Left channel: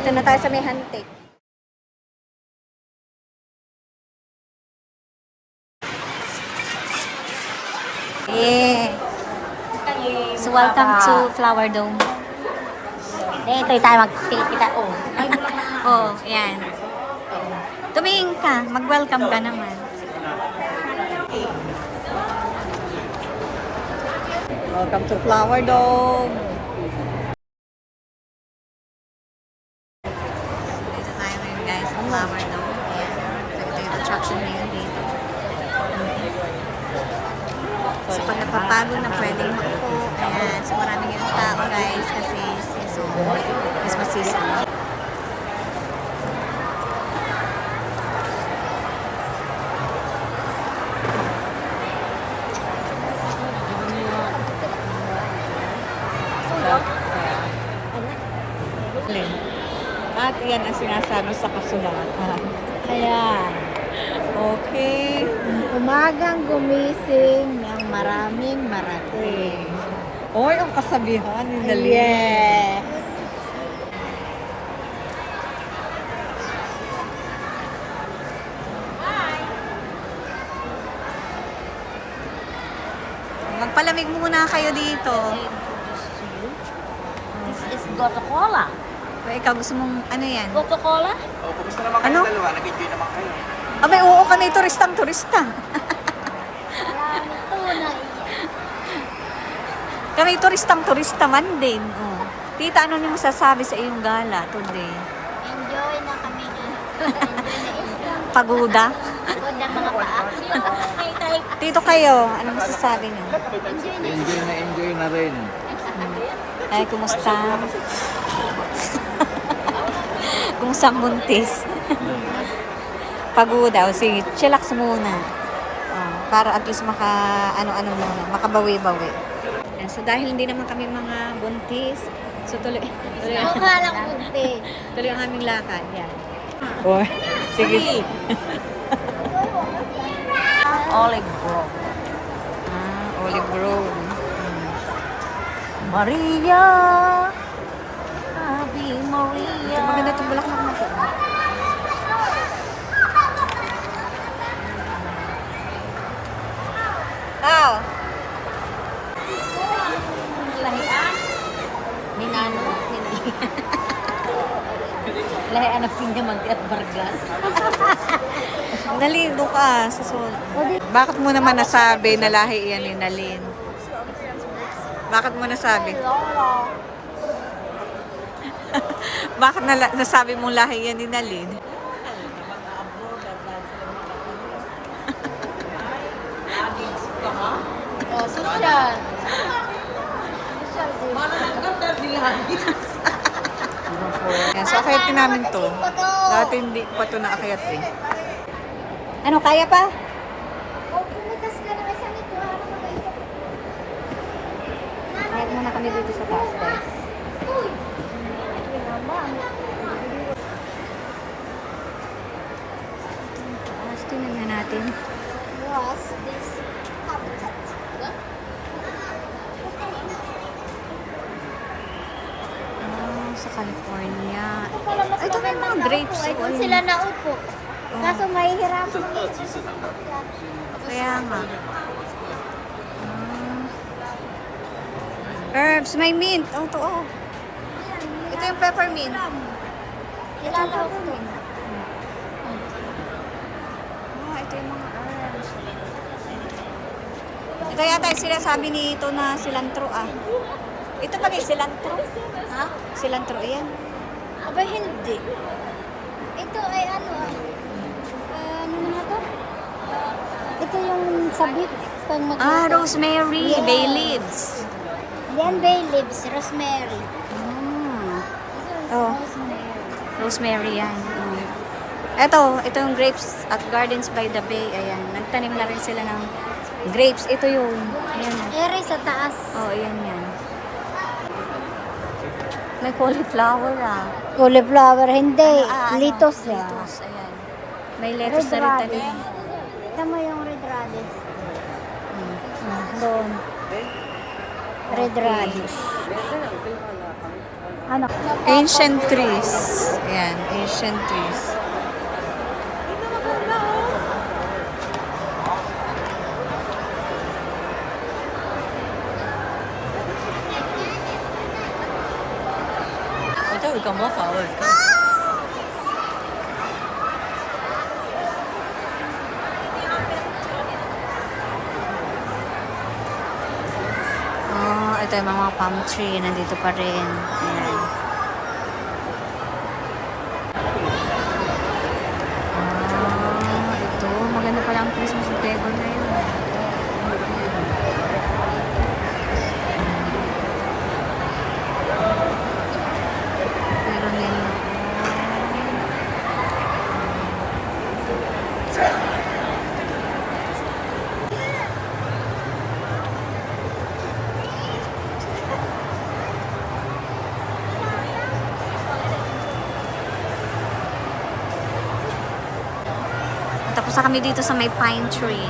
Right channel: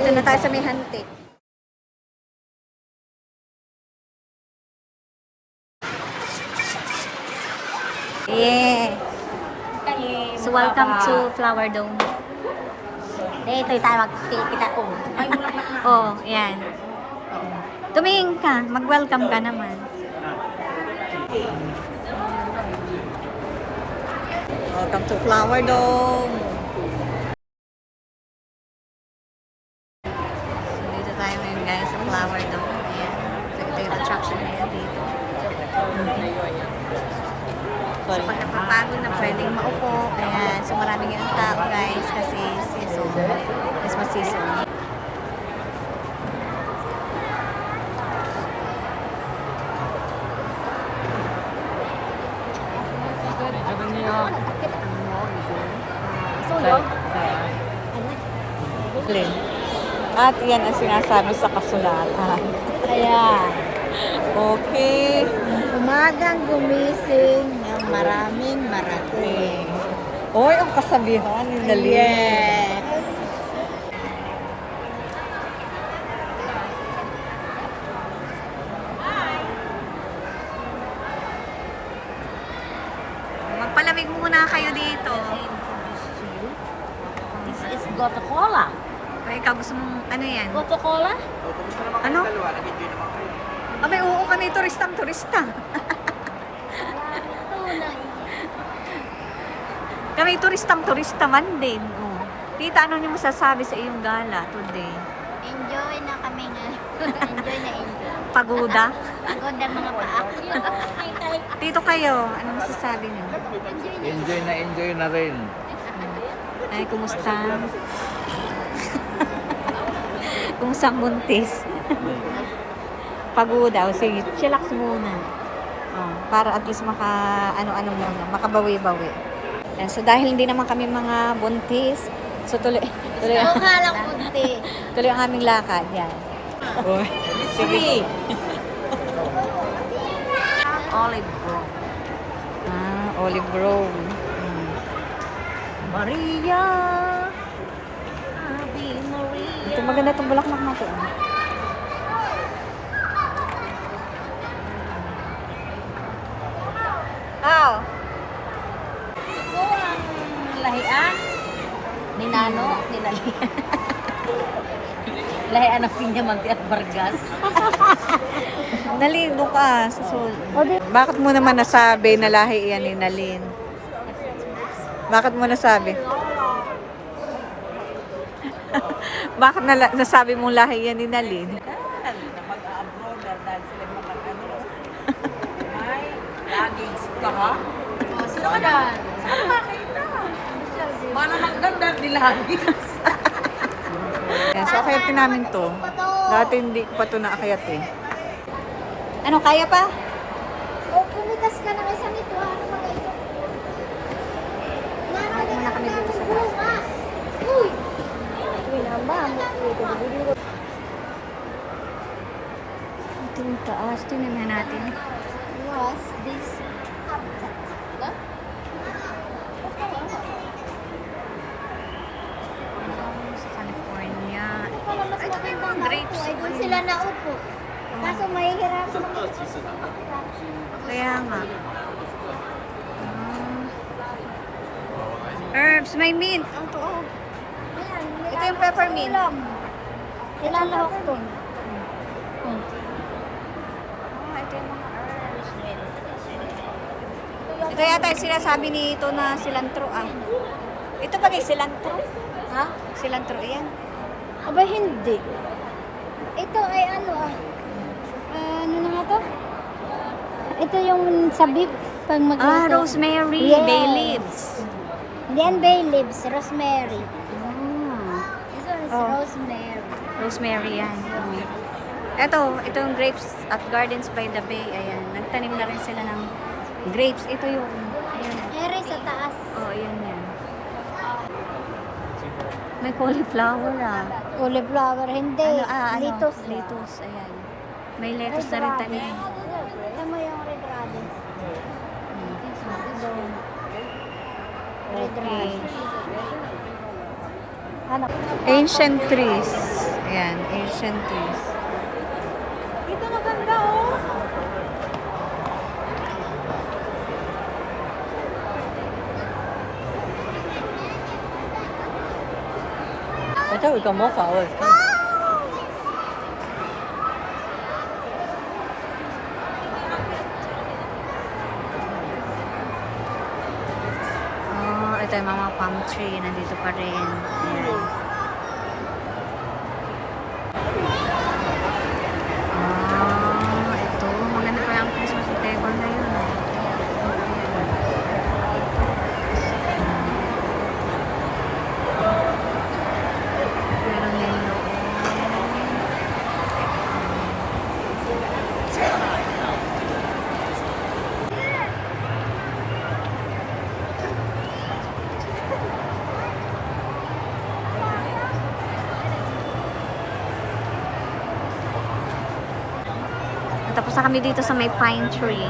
Dito na tayo sa may hantik. Yeah. So welcome to Flower Dome. Dito tayo magpipita. Oh, yan. Tumingin ka, mag-welcome ka naman. Welcome to Flower Dome. So, dito tayo ngayon guys sa Flower Dome. Ayan. So, ito yung attraction ngayon dito. So, pag napapagod na pwedeng maupo. Ayan. So, maraming yung tao guys kasi season. Christmas season. At yan ang sinasabi sa kasulatan. Ayan. Okay. Umagang gumising ng maraming marating. Oy, ang kasabihan ni Nali. Yeah. Magpalamig muna kayo dito. This is Coca-Cola. O ikaw, gusto mong ano yan? Coca-Cola? Ano? Abay, oo kami, turistang-turista. Kami turistang-turista man din. Oh. Tita, ano niyo masasabi sa iyong gala today? Enjoy na kami nga. Enjoy na enjoy. Pagoda? Pagod ang mga paa. Tito kayo, ano masasabi niyo? Enjoy na rin. Ay, kumusta? Kumusta ang buntis? Pagoda. O sige, chillax muna. Oh, para at least ano-ano muna, makabawi-bawi. Ayan, so dahil hindi naman kami mga buntis, so tuloy Lang punti. tuloy ang aming lakad. Yan. Oh, sige. Olive Grove. Olive Grove. Maria. Ave Maria. Ito maganda itong bulaklak na ito. Oh. Ito ang lahian. Ni Nano. Ni Lahian. Lahian ng Pinyamante at Vargas. Naligo ka sa sol. Bakit mo naman nasabi na lahi yan ni Nalin? Bakit mo nasabi? Bakit nasabi mong lahi yan ni Nalin? Sino yan? Wala lang ganda nila. Yan, so akayatin namin to. Dati hindi ko pa to naakayat eh. Ano, kaya pa? O, pumitas ka ng isang ito. Kahit muna kami dito sa taas guys. Uy! Ito yung taas. Tingnan natin. Yes, this habitat. Sa California. Mas Ito may mga grapes. Ay, kung sila naupo. Kaso may hirap. Kaya nga. Herbs, may mint. Oh, ito oh. Ito yung peppermint. Ito yung peppermint. Ito yung mga herbs. Ito yata yung sinasabi nito na cilantro ah. Ito ba kay cilantro? Ha? Cilantro yan. Aba, hindi. Ito ay ano ano na to? Ito yung sa beef. Rosemary, Yeah. bay leaves. Yan bay leaves, rosemary. Ito is Oh. rosemary. Rosemary yan. Oh. Ito yung grapes at Gardens by the Bay. Ayan, nagtanim na rin sila ng grapes. Ito yun. Ayan. Eri sa taas. Oh, ayan yan. May cauliflower ah. Cauliflower, hindi. Ano? Litos. Litos, ayan. May lettuce na rin tanim. Tama yung red radish. Red Okay. radish. Ano? Ancient trees. Ayan, ancient trees. Ito, ikaw mo flowers ka. Oh, ito yung mga palm tree. Nandito pa rin. Ayan. Ah, ito. Maganda pala ang Christmas table na yun. Meron din noon. Tapos na kami dito sa may pine tree.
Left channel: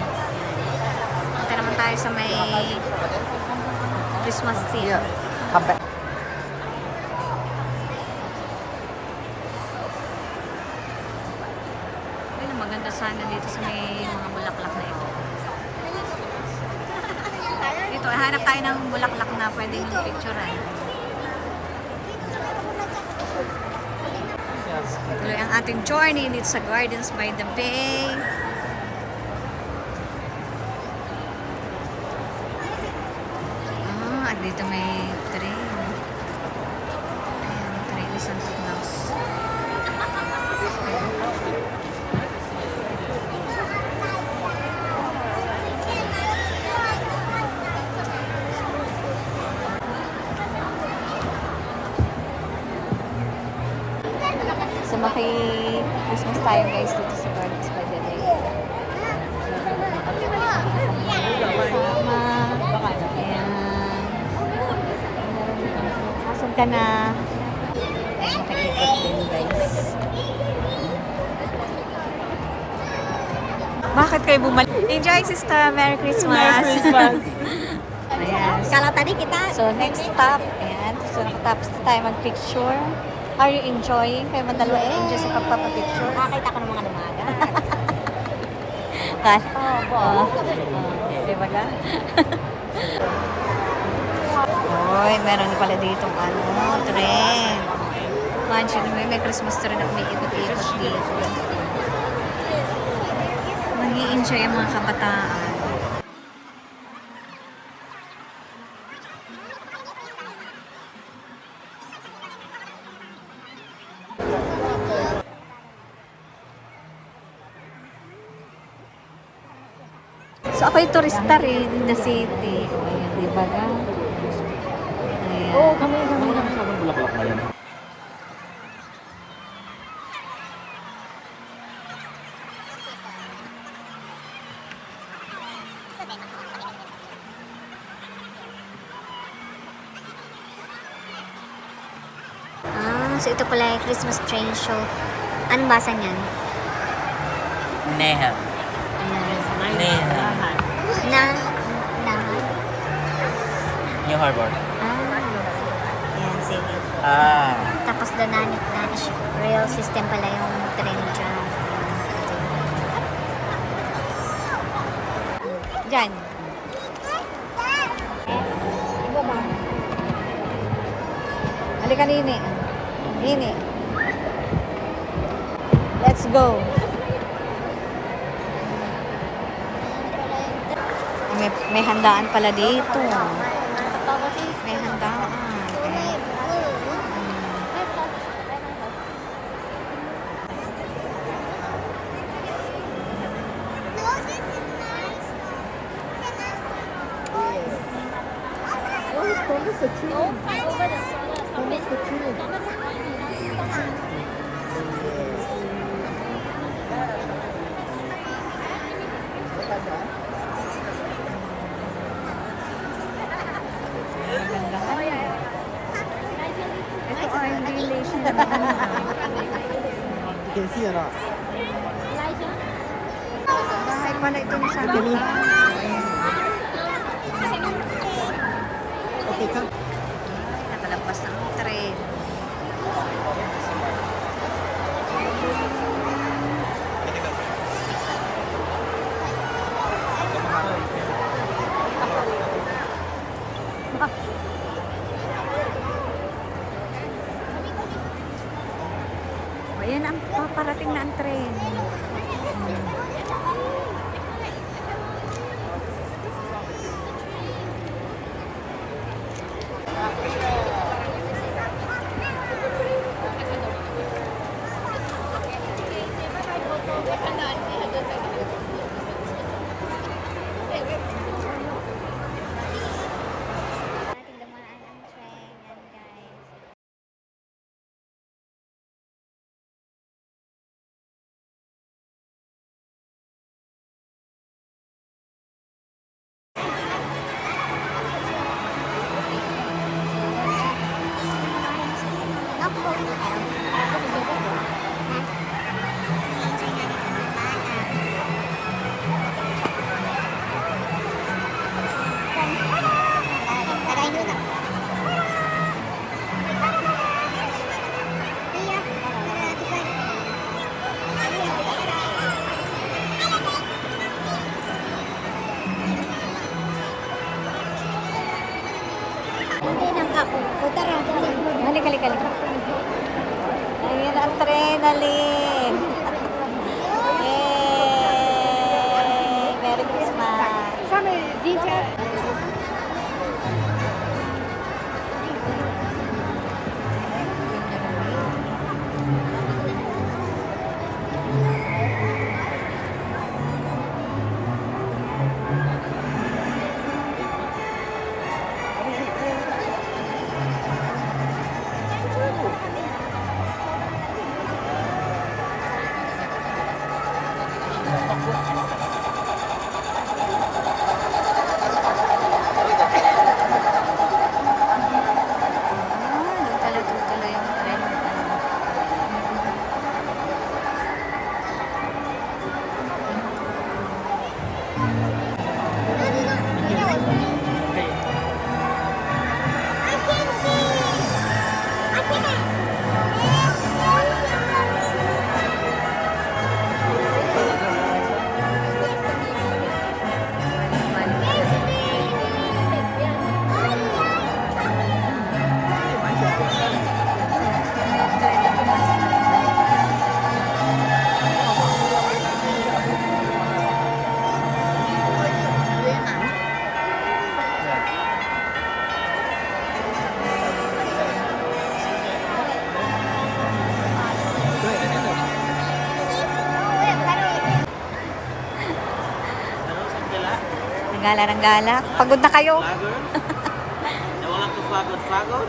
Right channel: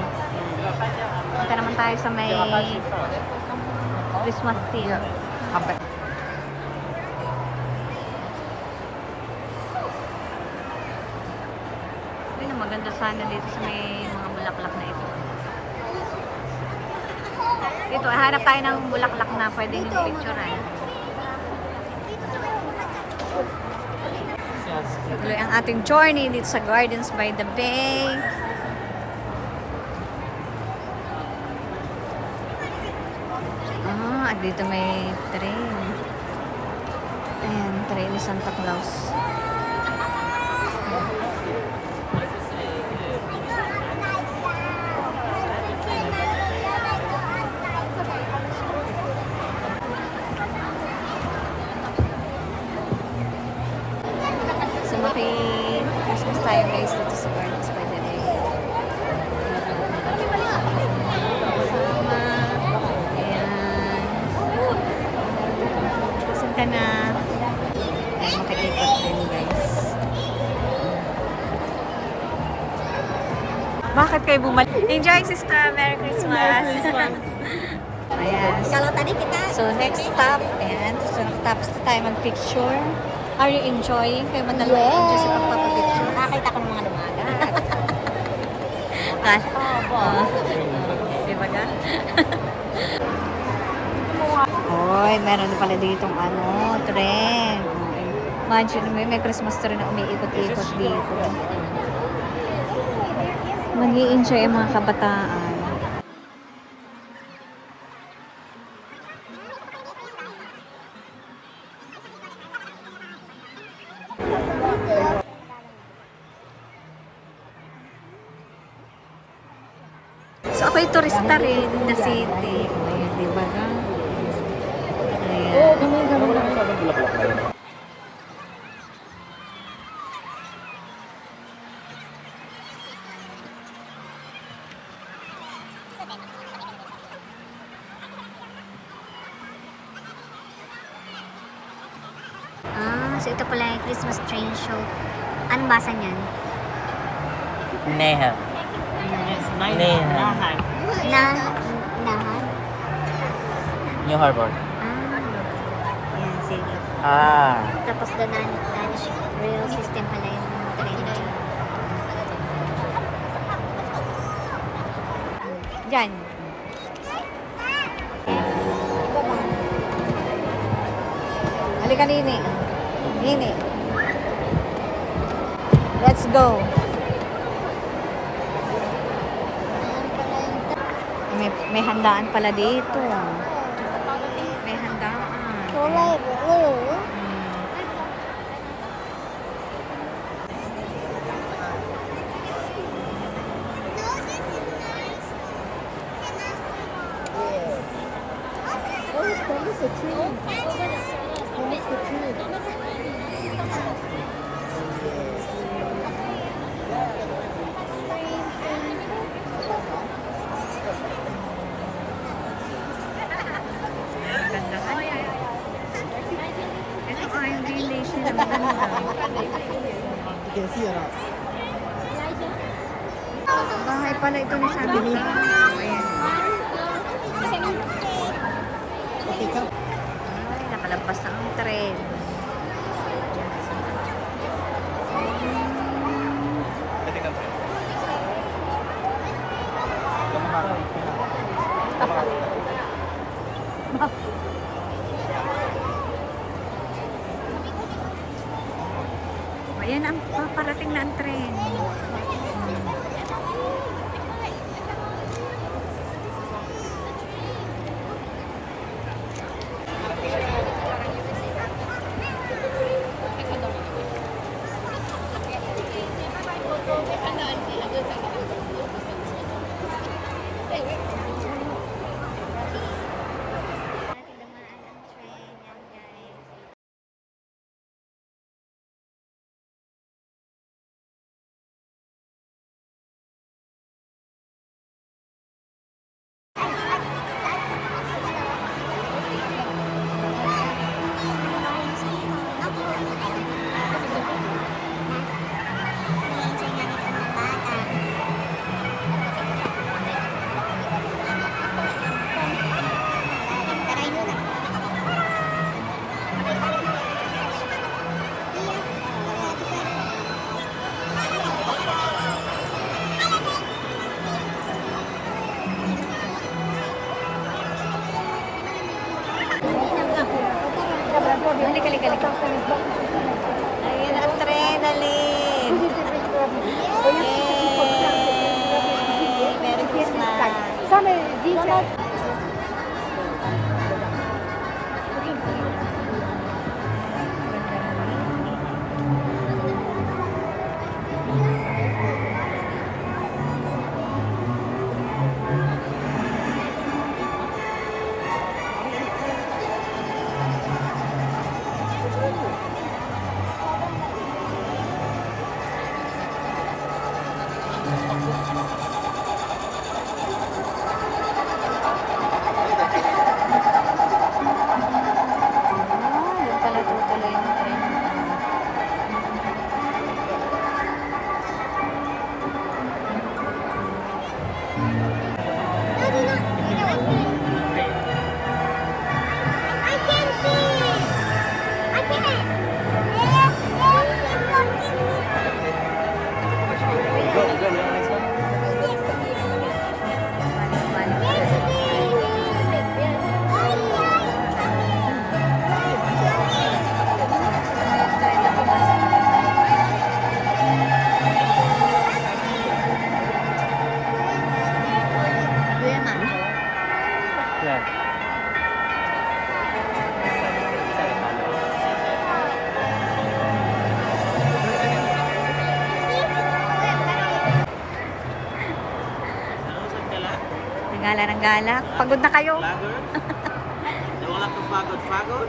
Punta naman tayo sa may Christmas tree. Come back. Ayun, maganda sana dito sa may mga bulaklak na ito. Dito, hanap tayo ng bulaklak na pwedeng yung picturean. Tuloy ang ating journey dito sa Gardens by the Bay. Ah, at dito may train. Train ni Santa Claus. So, maki-Christmas tayo guys dito sa Gardens by the Bay. Kasama. Ayan. Asan ka na? Ayan, maki-ikot din guys. Bakit kayo bumalik? Enjoy, sister! Merry Christmas! Merry Christmas! Ayan. Kalau tadi kita So, next stop. Ayan. So, nakatapos na tayo mag-picture. Are you enjoying? Kayo ba dalawa enjoy sa pagpapapicture? nakakita ko ng mga dumagat. Oh, di ba ga? Hoy, meron pala ditong tren. Imagine, may Christmas tree na umiikot-ikot dito. Mag-i-enjoy ang mga kabataan. So, ako'y turista rin in the city. Ayan, di ba ga? Ayan. Ah, so ito pala yung Christmas train show. Anong basa niyan? Neha. Ayan. Neha. Nahan. New Harbor. Ah. Ayan, sige. Ah. Tapos the Danish rail system pala yung train dyan. Diyan. Iba ba? Halika, Nini. Nini. Let's go. Ayan pala yung May handaan pala dito. May handaan. kulay blue. Hmm. Ganda. Ano yan? Ito ay village na maganda. You can see it all. Bahay pala ito ni Santa. Ayan. Okay, come. Ay, nakalabas na ang train. Ayan ang paparating na ang tren. Ating dumaan ang train. Yan guys. Halika, halika, halika. Ayan ang adrenaline. Yay! Merry Christmas. Doon pala tutuloy yung tren. Nagala ng galak. Pagod na kayo. Vlogger? Wala ko pagod.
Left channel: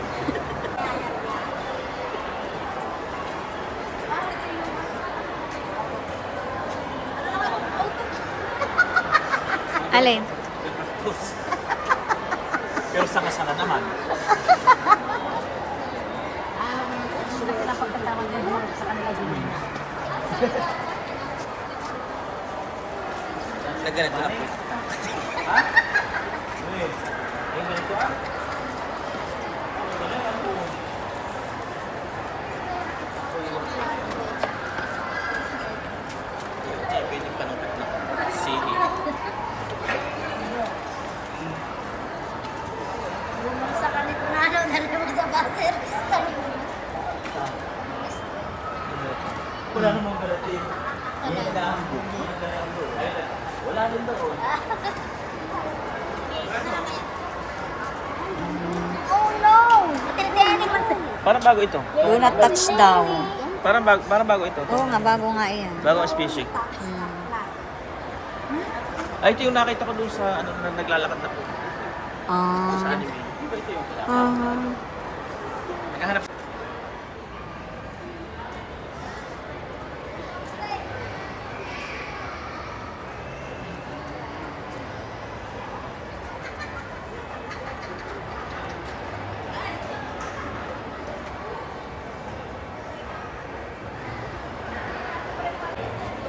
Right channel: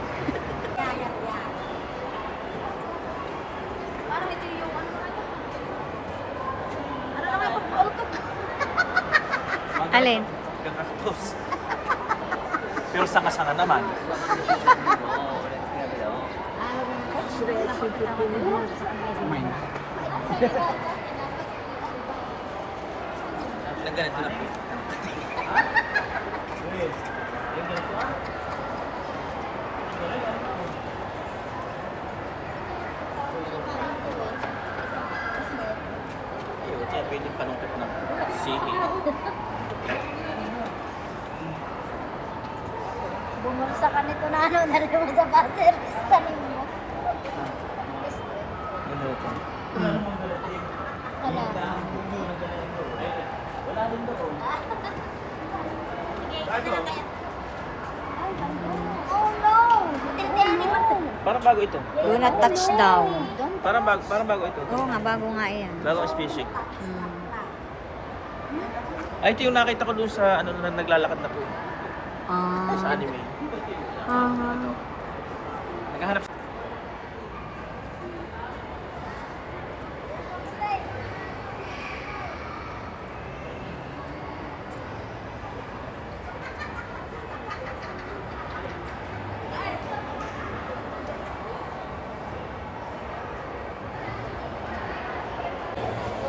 Alin? Pero sa kasana naman. Nagganap na po. Pwede panungkot na. Sige. Bumagsak ka nito na ano, narinig sa buzzer. Oh no! Tinitiyanin mo. Parang bago ito. Do not touch daw. Parang bago ito. Oo nga, bago nga yan. Bago ang species. Hmm. Ay, ito yung nakita ko dun sa naglalakad na po. Sa Ah. ano. Aha. Maghahanap.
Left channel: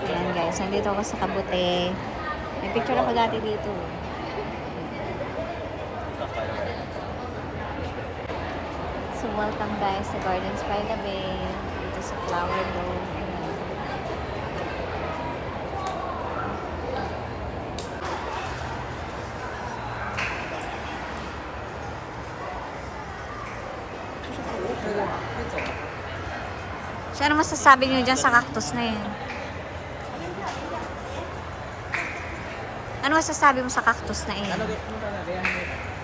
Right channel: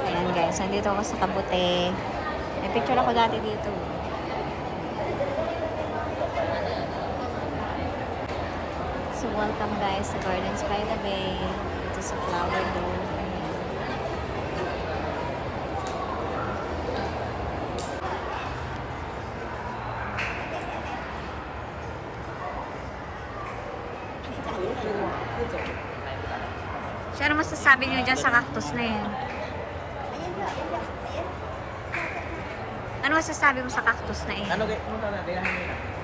Ayan guys, nandito ako sa Kabute. May picture ako dati dito. So, welcome guys sa Gardens by the Bay. Dito sa Flower Dome. Ayan. So, ano masasabi niyo dyan sa cactus na yan? Ano masasabi mo sa cactus na yan? Ano mo talaga yan?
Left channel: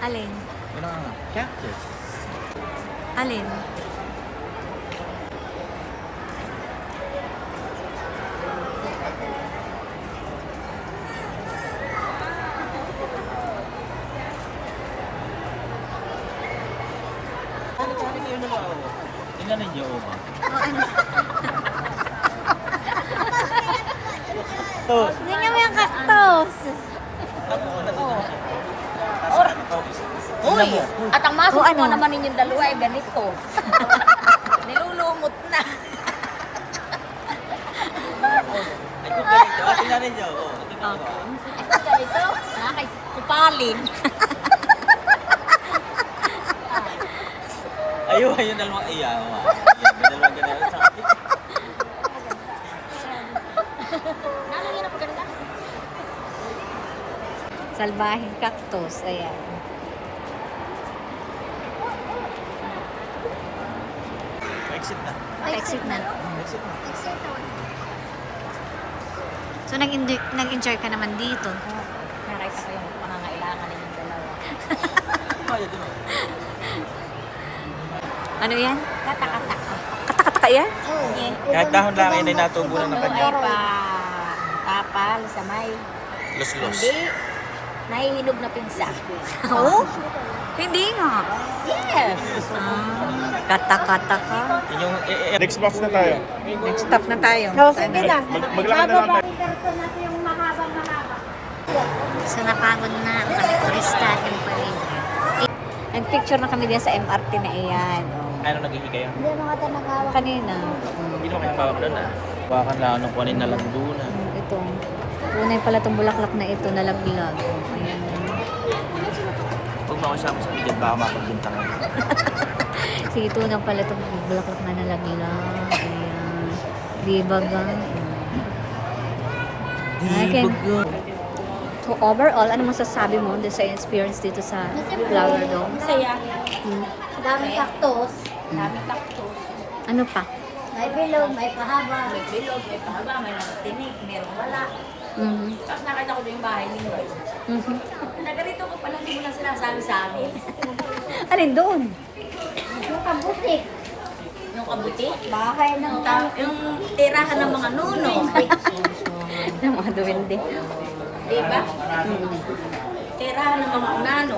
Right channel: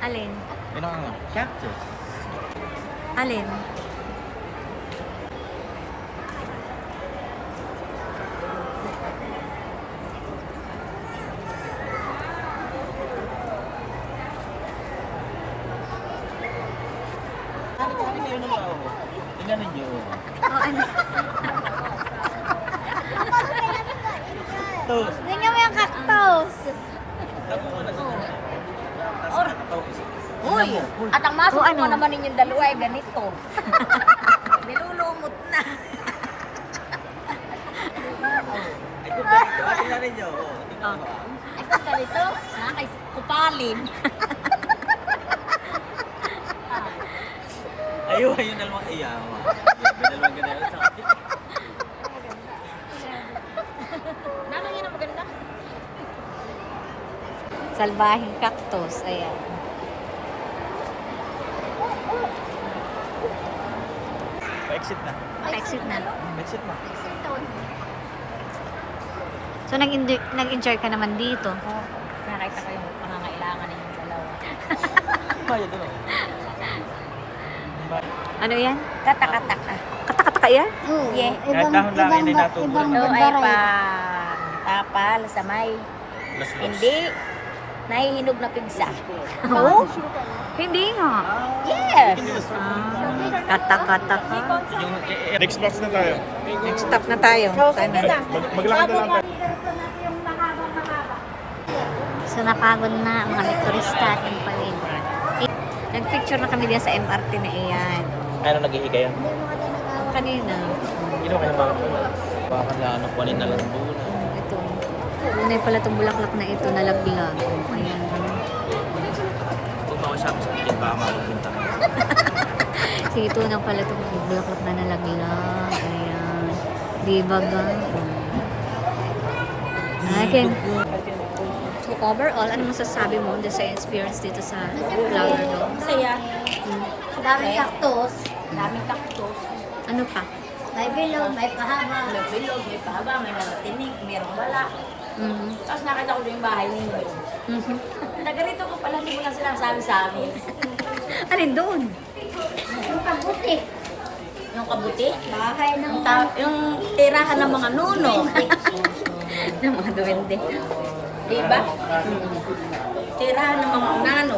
Alin? Yan ang cactus. Alin? Kani kayo naman ako. Tingnan ninyo. O ano? Tos. Tingnan mo yung cactus. Uy! At ang masok O, ano? mo naman ninyong dalawa ay ganito. Nilulumot na. Ay, kung ganito. Tingnan ninyo. Oh. Ako ganito, ay kupalin. Ayun, ayun dalawang iyaw. Yan, dalawang ganito. Nano yun ang maganda? Salbahing cactus. Ayan. Exit na. Exit na. Exit na. So, nag-enjoy ka naman dito. Nakita ko yung pangangailangan ninyong dalawa. Ayun din eh. Ano yan? Katakataka. Katakataka yan? Yeah. Kahit dahon lang ay natubo na Ito naman. ay pa kapal sa may Los-los. hindi nahihinog na pigsa. Oo? Hindi nga. Yes! Katakataka. Yung next box na tayo. Next stop na tayo. Sana. So, napagod na ang mga turista at yung pamilya. Nag-picture na kami diyan sa MRT na iyan. Oh. Ano naghihigayon? Kanina. Ino kung bakit na. Baka na ano kunin na lang doon. Ito. Unay pala itong bulaklak na ito, nalaglag. Oh, ayan. Huwag ba kasama sa pigil baka makapinta mo. Sige, ito na pala itong bulaklak na nalaglag. Ayan. Di ba ga? Okay. So, overall, ano masasabi mo dito sa experience dito sa Flower Dome? Masaya. Daming cactus. Daming cactus. Ano pa? May bilog, may pahaba. May bilog, may pahaba, may nagatinig, mayroong wala. Mhm. Tapos nakita ko doon yung bahay ninyo. Mhm. Nagarito ko pala, hindi mo lang sinasabi sa amin. Alin doon? Yung kabuti. Yung kabuti? Bahay ng yung tirahan ng mga nuno. Ng mga duwende. Diba? Tirahan ng mga unano.